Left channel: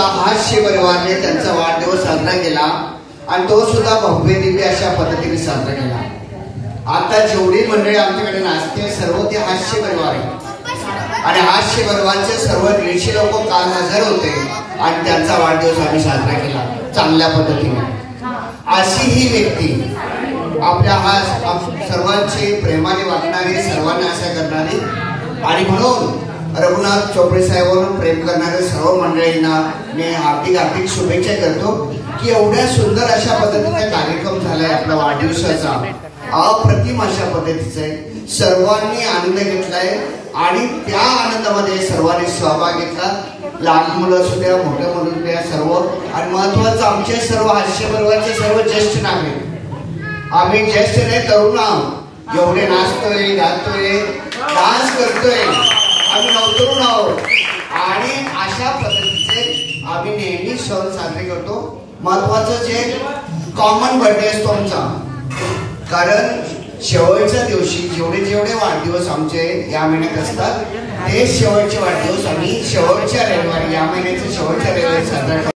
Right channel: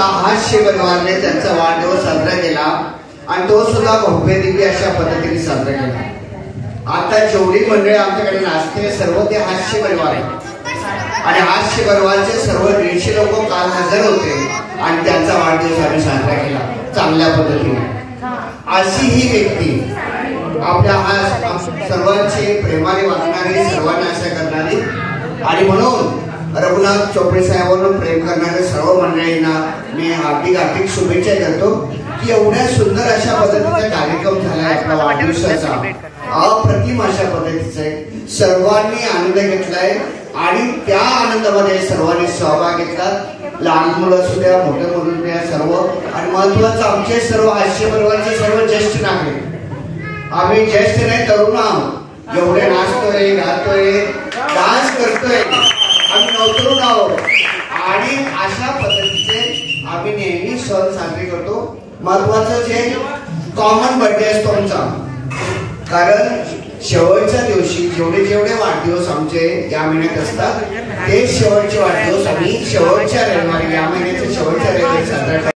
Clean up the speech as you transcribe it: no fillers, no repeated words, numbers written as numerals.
आमचा हास्य परिवारने त्यांचा वाढदिवस साजरा केला आणि तो सुद्धा भव्य दिव्य अशा पद्धतीने साजरा केला. आता जेवढी मंडळी आमच्याकडे नाचते सर्व ते हास्य परिवार आहे आणि हास्य परिवारचे सर्व 150 लोक काल हजर होते आणि त्यांचा वाढदिवस आम्ही साजरा केला चांगल्या पद्धतीने. अशी ही व्यक्ती आपल्या हा सर्वांची प्रेमाने वागणारी, सर्वांना आशा करणारी आणि म्हणून रघुनाथ चोपडे साहेबांवर प्रेम करणाऱ्या सर्व मंडळींना मी हार्दिक शुभेच्छा करतो की एवढ्या सुंदर अशा पद्धतीचा कार्यक्रम झालाय आपला वाढदिवसाचा. अप्रतिम अशा पद्धतीचा आहे. सर्वांनी आनंद घेतलाय आणि त्या आनंदामध्ये सर्वांनी सहभाग घेतला. लहान मुलं असू द्या, मोठ्या मुलं असू द्या, सर्व. आणि महत्वाचं आमचे सर्व हास्य परिवारचे सर्व ज्येष्ठ नागरिक, आम्ही ज्येष्ठ नाही तरुण आहोत, जेवढे नाचतोय, गातोय, डान्स करतोय, आम्ही नवतरुण आहोत आणि अशा पद्धतीचे आम्ही नेहमी सण साजरे करतो. महत्वाचं जे कॉमन बर्थडे असतो आमचा, कारण शेवटच्या दिवशी जेवढे वाढदिवस आमचे या महिन्यात असतात ते शेवटचे वाढदिवस आम्ही शेवटच्या रविवारी, या महिन्याच्या शेवटच्या रविवारी साजरा